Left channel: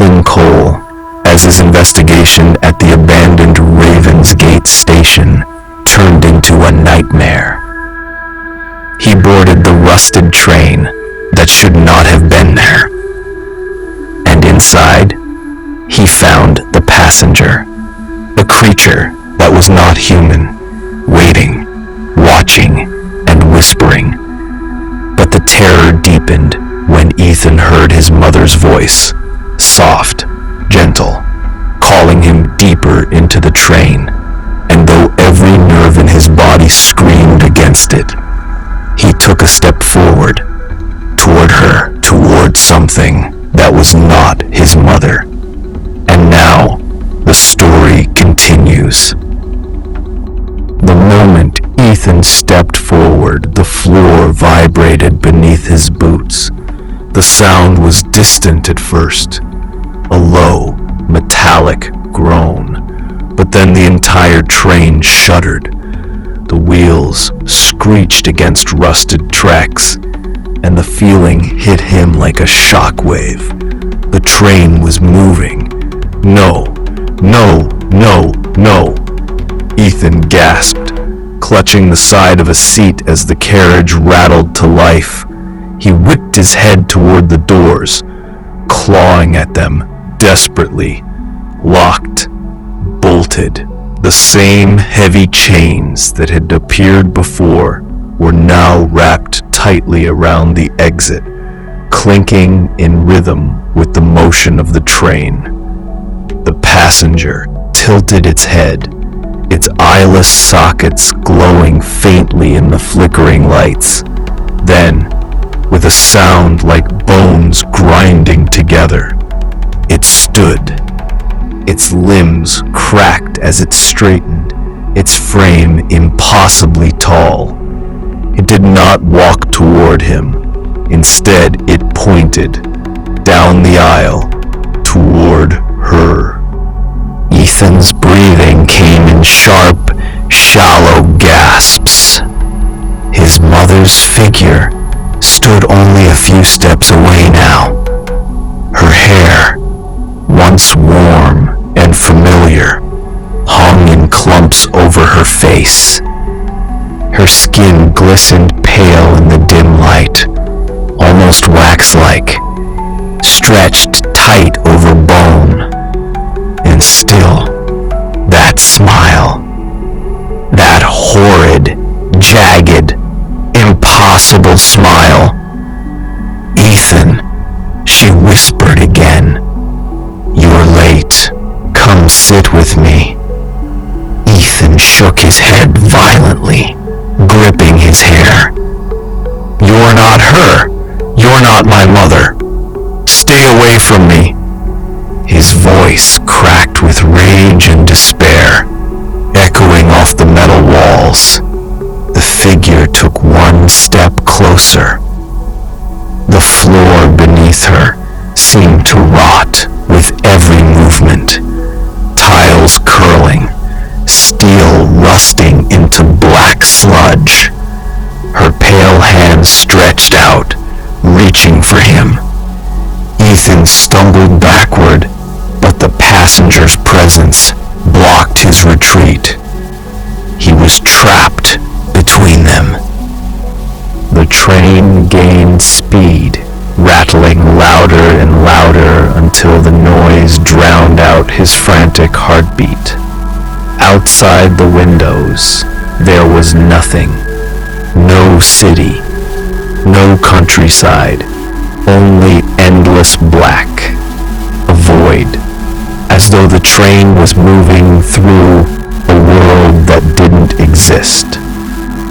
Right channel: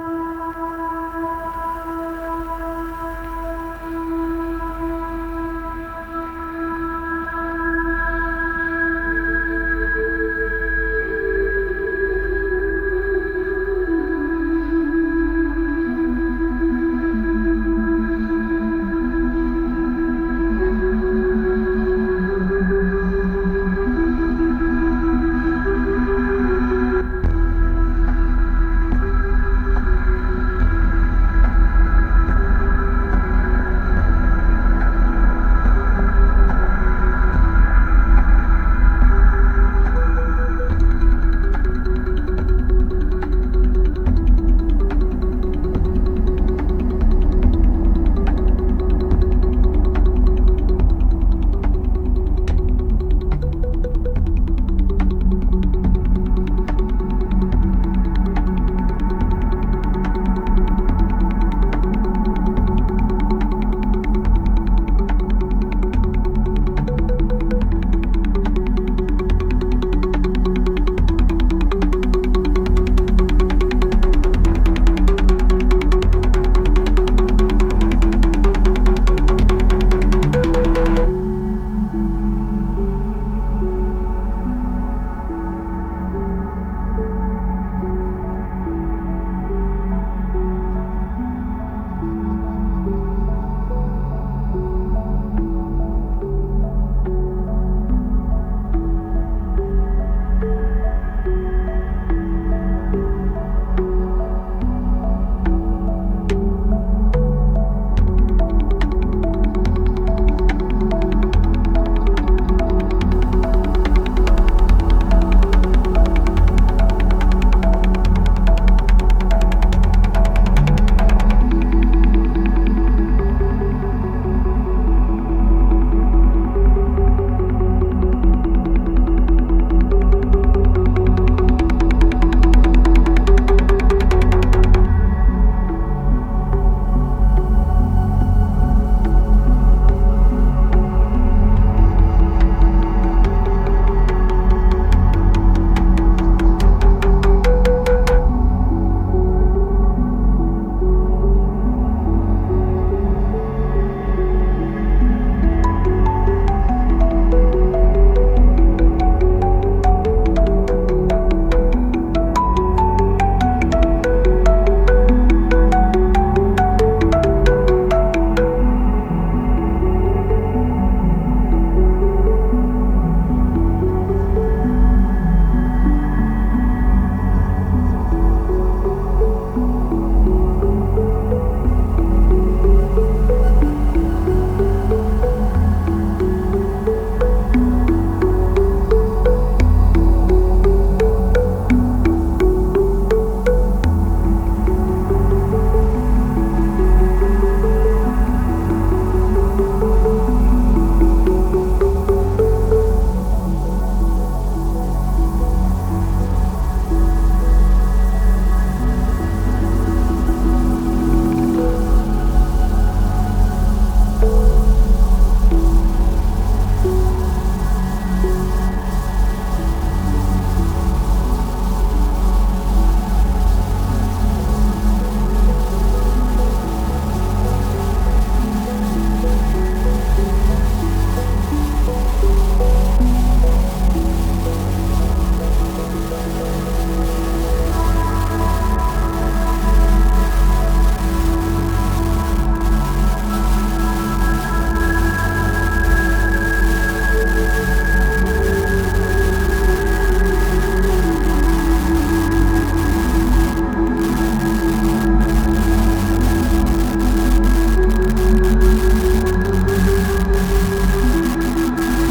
Ethan Cole as his investigation at the abandoned Ravensgate station turned into a nightmare. He boarded the rusted train that should not have been there. And inside, he found the passenger, a creature that was not human, waiting, watching, and whispering. But the terror deepened when Ethan heard his mother's voice, soft, gentle, calling him deeper into the train, and though every nerve in his body screamed against it, he took a step forward, toward her, toward something that was not his mother. And now, the story continues. The moment Ethan stepped forward, the floor vibrated beneath his boots. The sound was distant at first, a low, metallic groan, but then the entire train shuddered. The wheels screeched against rusted tracks, and the feeling hit him like a shockwave. The train was moving. No, no, no, no. Ethan gasped, clutching the side of a seat as the carriage rattled to life. He whipped his head toward the doors, clawing at them desperately. Locked, bolted. The same heavy chains that had appeared before were now wrapped tightly around the exit, clinking in rhythm with the motion of the train. The passenger tilted its head, its eyeless sockets glowing faintly in the flickering lights. Then, with a sound like bones grinding together, it stood. Its limbs cracked as it straightened, its frame impossibly tall. It did not walk toward him. Instead, it pointed down the aisle toward her. Ethan's breathing came in sharp, shallow gasps. His mother's figure stood only a few steps away now. Her hair, once warm and familiar, hung in clumps over her face. Her skin glistened pale in the dim light, almost wax-like, stretched tight over bone. And still, that smile, that horrid, jagged, impossible smile. Ethan, she whispered again. You're late. Come sit with me. Ethan shook his head violently, gripping his hair. You're not her. You're not my mother. Stay away from me. His voice cracked with rage and despair, echoing off the metal walls. The figure took one step closer. The floor beneath her seemed to rot with every movement, tiles curling, steel rusting into black sludge. Her pale hands stretched out, reaching for him. Ethan stumbled backward, but the passenger's presence blocked his retreat. He was trapped between them. The train gained speed, rattling louder and louder until the noise drowned out his frantic heartbeat. Outside the windows, there was nothing. No city, no countryside, only endless black, a void, as though the train was moving through a world that didn't exist.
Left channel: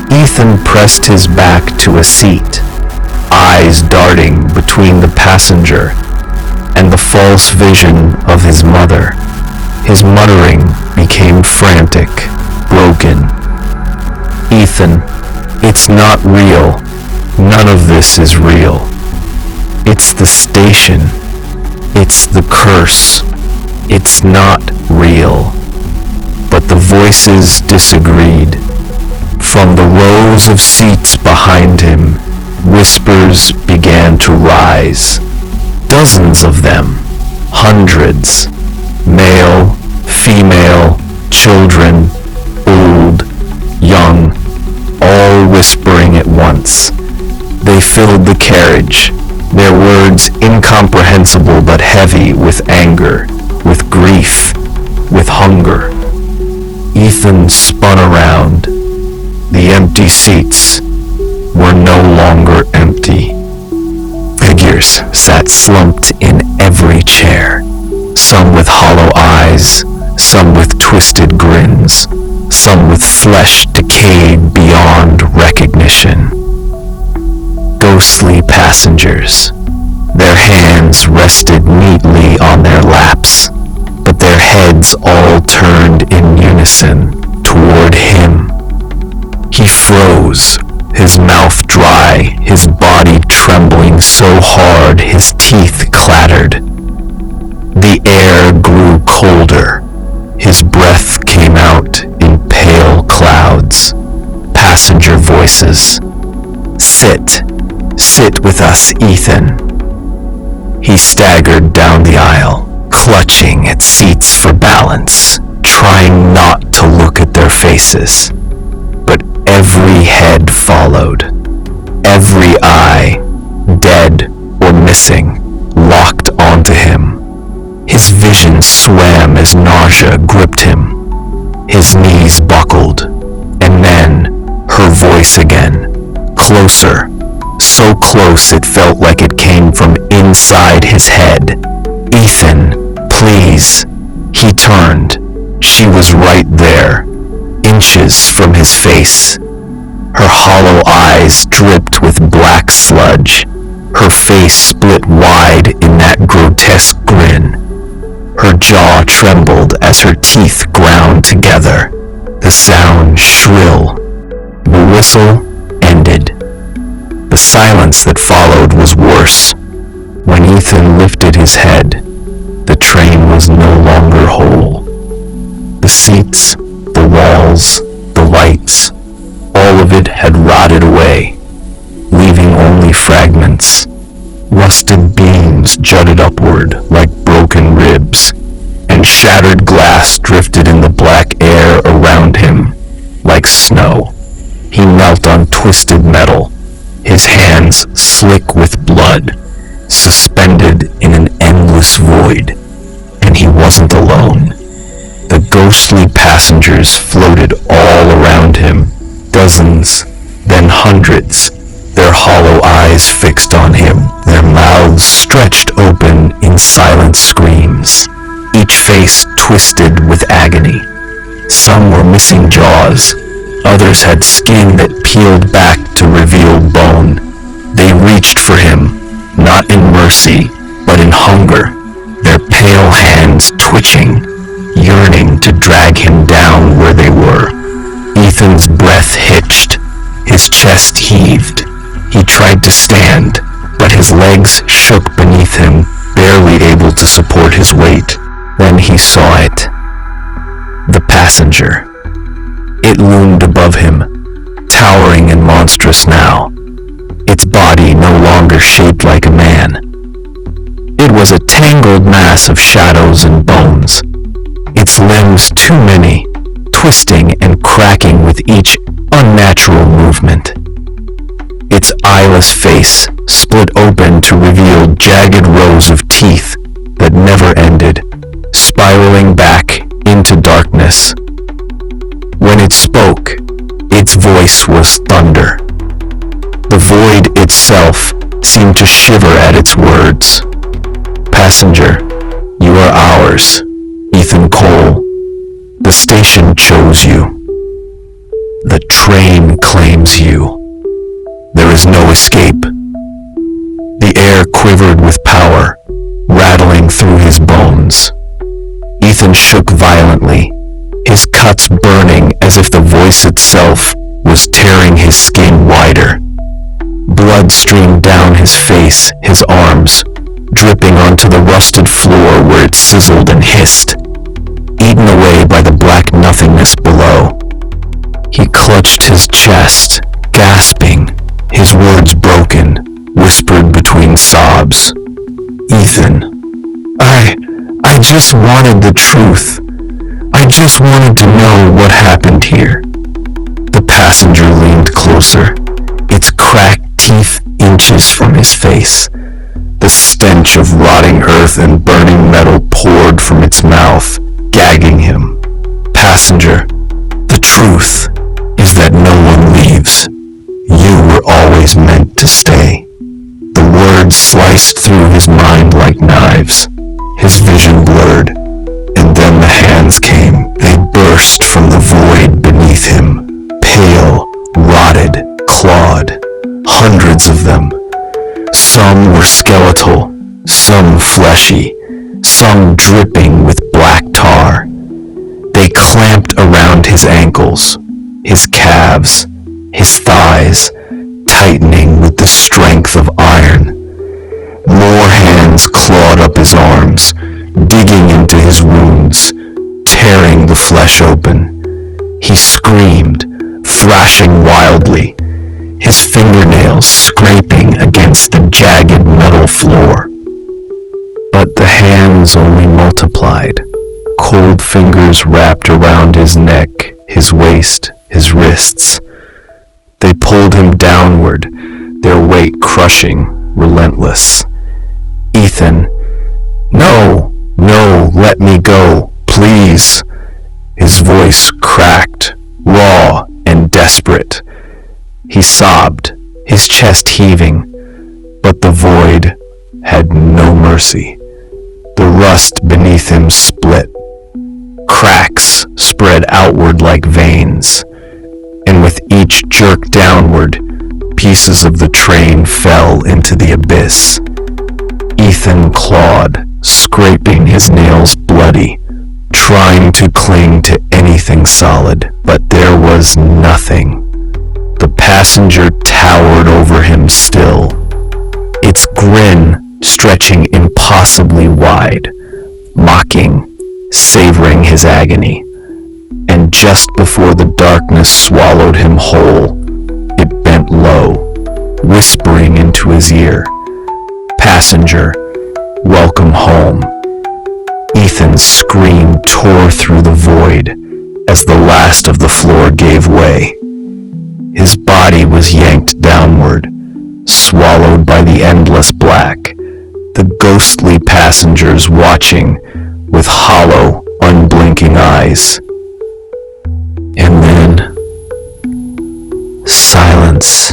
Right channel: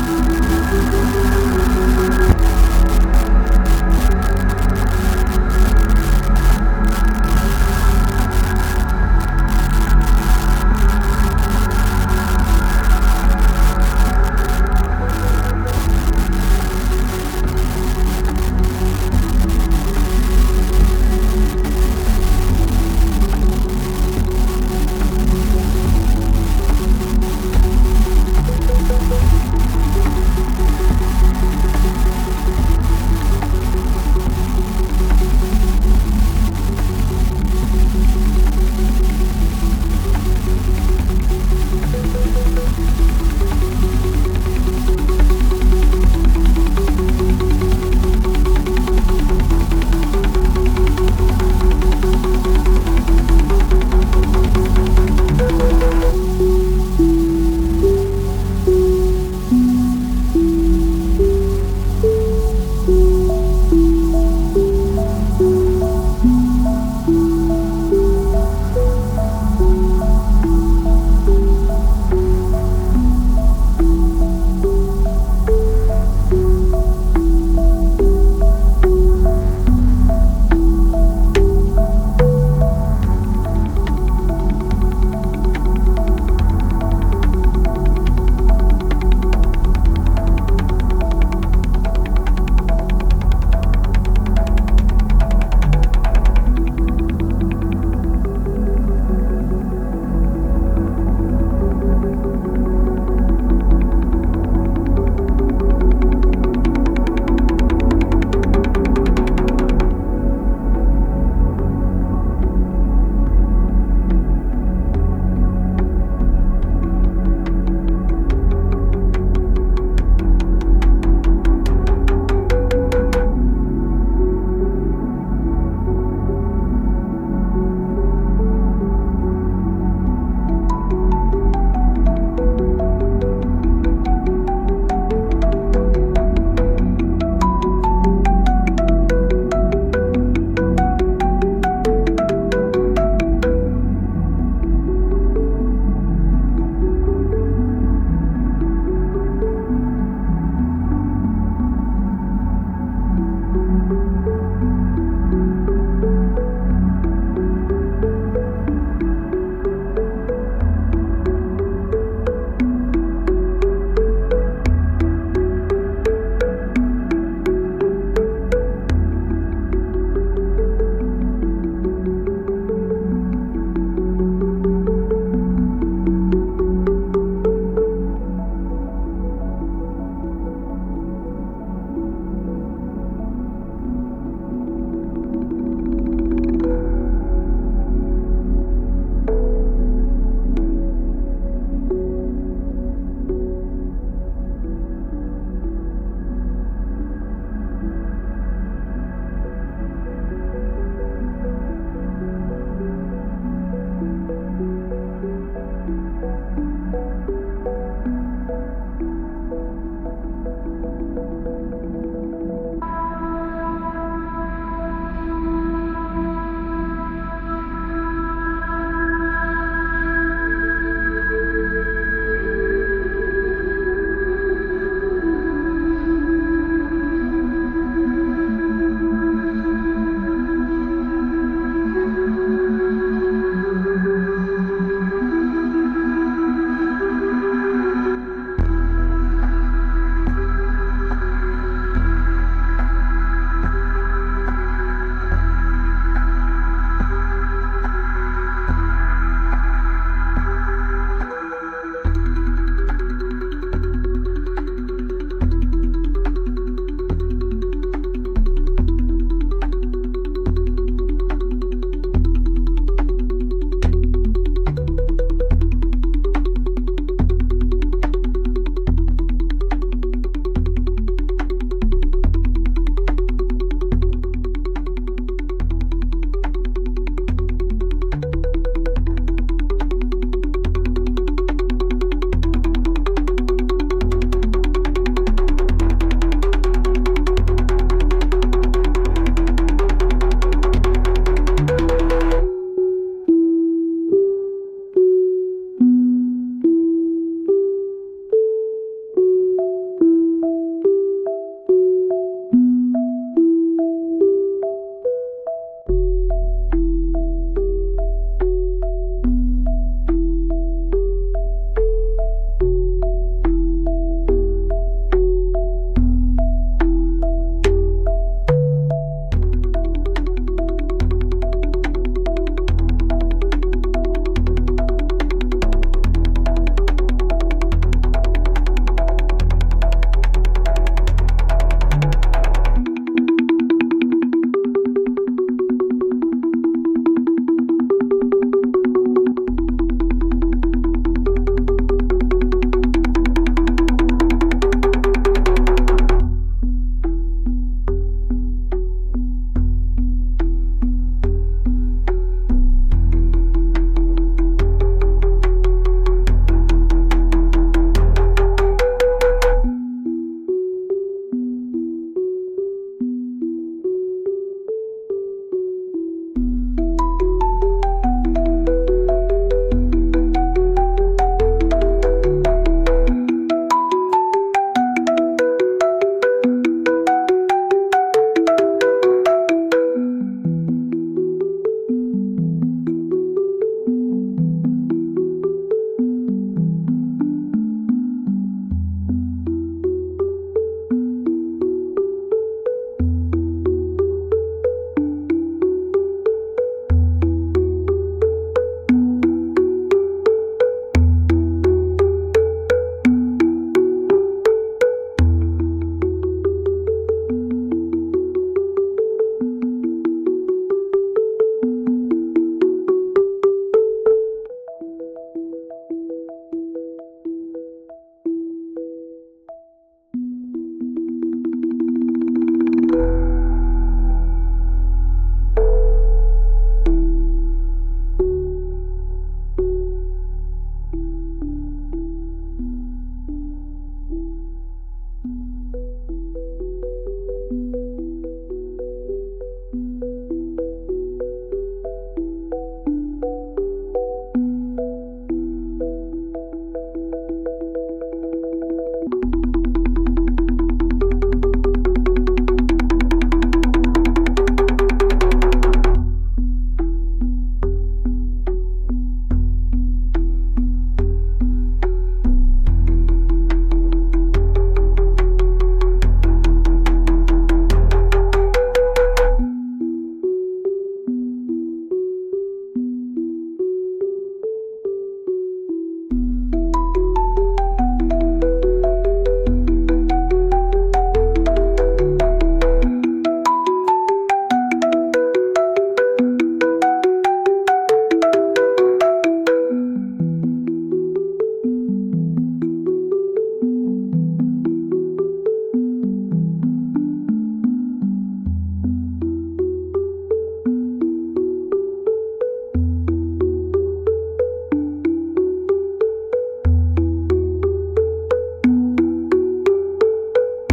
Ethan pressed his back to a seat, eyes darting between the passenger and the false vision of his mother. His muttering became frantic, broken. Ethan, it's not real. None of this is real. It's the station. It's the curse. It's not real. But the voices disagreed. From the rows of seats behind him, whispers began to rise. Dozens of them, Hundreds, male, female, children, old, young, all whispering at once. They filled the carriage, their words incomprehensible but heavy with anger, with grief, with hunger. Ethan spun around. The empty seats were no longer empty. Figures sat slumped in every chair, some with hollow eyes, some with twisted grins, some with flesh decayed beyond recognition. Ghostly passengers. Their hands rested neatly on their laps, but their heads all turned in unison toward him. He froze, his mouth dry, his body trembling so hard his teeth clattered. The air grew colder. His breath came out in pale clouds. Passenger voices. Sit with us, Ethan. He staggered down the aisle, clutching at seats for balance, trying not to look at their faces. But every head followed. Every eye, dead or missing, locked onto him. His vision swam as nausea gripped him. His knees buckled, and then her voice again, closer, so close it felt like it came from inside his head. Ethan, please. He turned. She was right there, inches from his face. Her hollow eyes dripped with black sludge. Her face split wide in that grotesque grin. Her jaw trembled as her teeth ground together. The sound shrill. The whistle ended. The silence that followed was worse. When Ethan lifted his head, the train was no longer whole. The seats, the walls, the lights, all of it had rotted away, leaving only fragments. Rusted beams jutted upward like broken ribs, and shattered glass drifted in the black air around him like snow. He knelt on twisted metal, his hands slick with blood, suspended in an endless void. And he wasn't alone. The ghostly passengers floated all around him, dozens, then hundreds, their hollow eyes fixed on him, their mouths stretched open in silent screams, each face twisted with agony. Some were missing jaws, others had skin that peeled back to reveal bone. They reached for him, not in mercy, but in hunger, their pale hands twitching, yearning to drag him down where they were. Ethan's breath hitched, his chest heaved. He tried to stand, but his legs shook beneath him, barely able to support his weight. Then he saw it. The passenger. It loomed above him, towering and monstrous now, its body no longer shaped like a man. It was a tangled mass of shadows and bones, its limbs too many, twisting and cracking with each unnatural movement. Its eyeless face split open to reveal jagged rows of teeth that never ended, spiraling back into darkness. When it spoke, its voice was thunder. The void itself seemed to shiver at its words. Passenger, you are ours, Ethan Cole. The station chose you. The train claims you. There is no escape. The air quivered with power, rattling through his bones. Ethan shook violently, his cuts burning as if the voice itself was tearing his skin wider. Blood streamed down his face, his arms, dripping onto the rusted floor where it sizzled and hissed, eaten away by the black nothingness below. He clutched his chest, gasping, his words broken, whispered between sobs. Ethan, I just wanted the truth. I just wanted to know what happened here. The passenger leaned closer, its cracked teeth inches from his face. The stench of rotting earth and burning metal poured from its mouth, gagging him. Passenger, the truth is that no one leaves. You were always meant to stay. The words sliced through his mind like knives. His vision blurred, and then the hands came. They burst from the void beneath him, pale, rotted, clawed. Hundreds of them. Some were skeletal, some fleshy, some dripping with black tar. They clamped around his ankles, his calves, his thighs, tightening with the strength of iron. More hands clawed up his arms, digging into his wounds, tearing the flesh open. He screamed, thrashing wildly, his fingernails scraping against the jagged metal floor. But the hands only multiplied. Cold fingers wrapped around his neck, his waist, his wrists. They pulled him downward, their weight crushing, relentless. Ethan, no, let me go, please. His voice cracked, raw and desperate. He sobbed, his chest heaving, but the void had no mercy. The rust beneath him split. Cracks spread outward like veins, and with each jerk downward, pieces of the train fell into the abyss. Ethan clawed, scraping his nails bloody, trying to cling to anything solid, but there was nothing. The passenger towered over him still, its grin stretching impossibly wide, mocking, savoring his agony. And just before the darkness swallowed him whole, it bent low, whispering into his ear, "Passenger, welcome home." Ethan's scream tore through the void as the last of the floor gave way. His body was yanked downward, swallowed by the endless black, the ghostly passengers watching with hollow, unblinking eyes. And then, silence.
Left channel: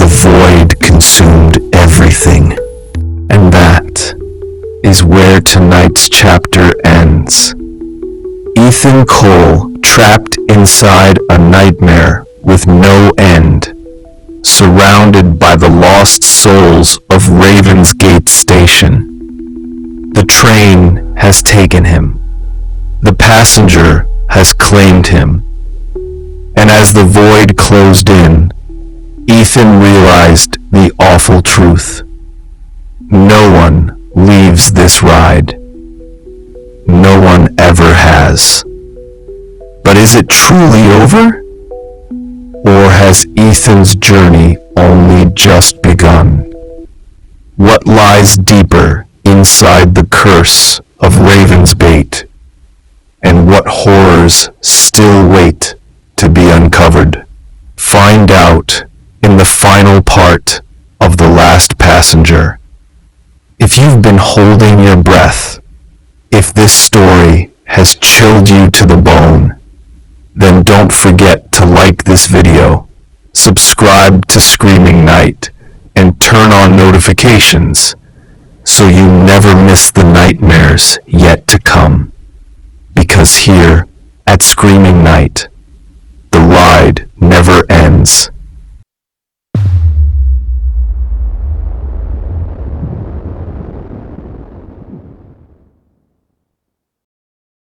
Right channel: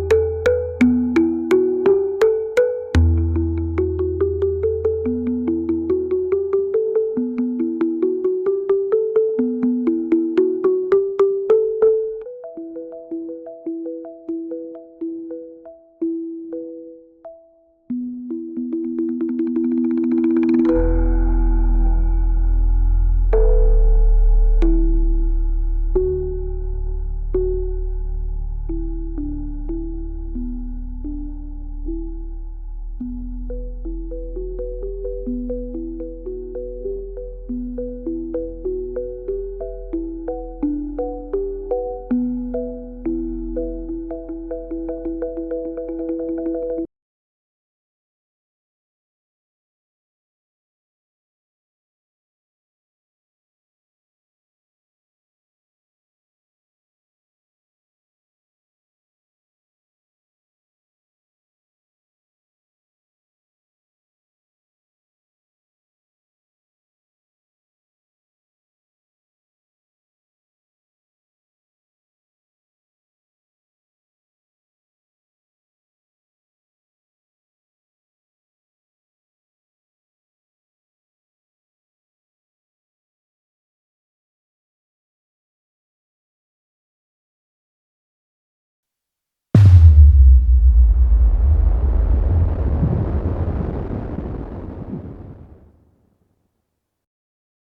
The void consumed everything. And that is where tonight's chapter ends. Ethan Cole trapped inside a nightmare with no end, surrounded by the lost souls of Ravensgate Station. The train has taken him. The passenger has claimed him. And as the void closed in, Ethan realized the awful truth. No one leaves this ride. No one ever has. But is it truly over? Or has Ethan's journey only just begun? What lies deeper inside the curse of Ravensgate? And what horrors still wait to be uncovered? Find out in the final part of The Last Passenger. If you've been holding your breath, if this story has chilled you to the bone, then don't forget to like this video, subscribe to Screaming Night, and turn on notifications so you never miss the nightmares yet to come. Because here at Screaming Night, the ride never ends.